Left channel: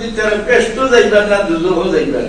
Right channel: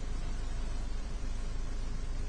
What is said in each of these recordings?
দিতে ব্যস্ত যাইবার না দুজহ যাইবার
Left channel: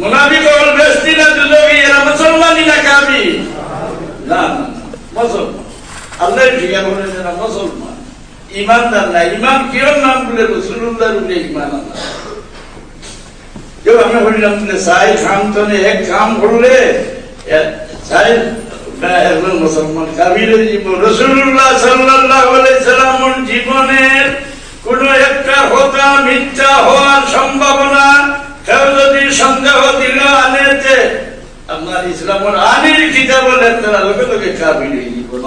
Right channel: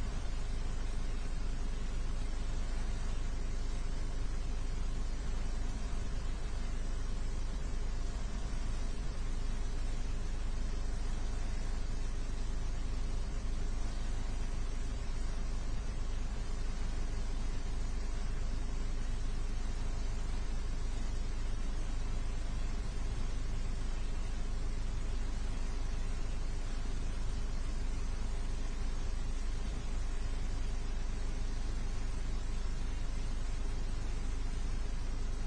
মুনাফিক হল ব্যস্তি না দুজহি এরা মুসলমানই না কাবি না মুসলমান। আল্লাহ ঠিকা বলে না মুসলমান, ইমানদার না ইমান কিরম নাম বলে রসুল্লাহ বলে ইমান আল্লাহ কেউ আমরা বললাম সাই খাম এক কাম করলে সাই একজন মুসলমান জীবন। রসুল্লাহ সাল্লাল্লাহু আনেতে আপনার ইসলামের আনির কিতাব বলে তারা লোকে লোকে কাবিরের জীবন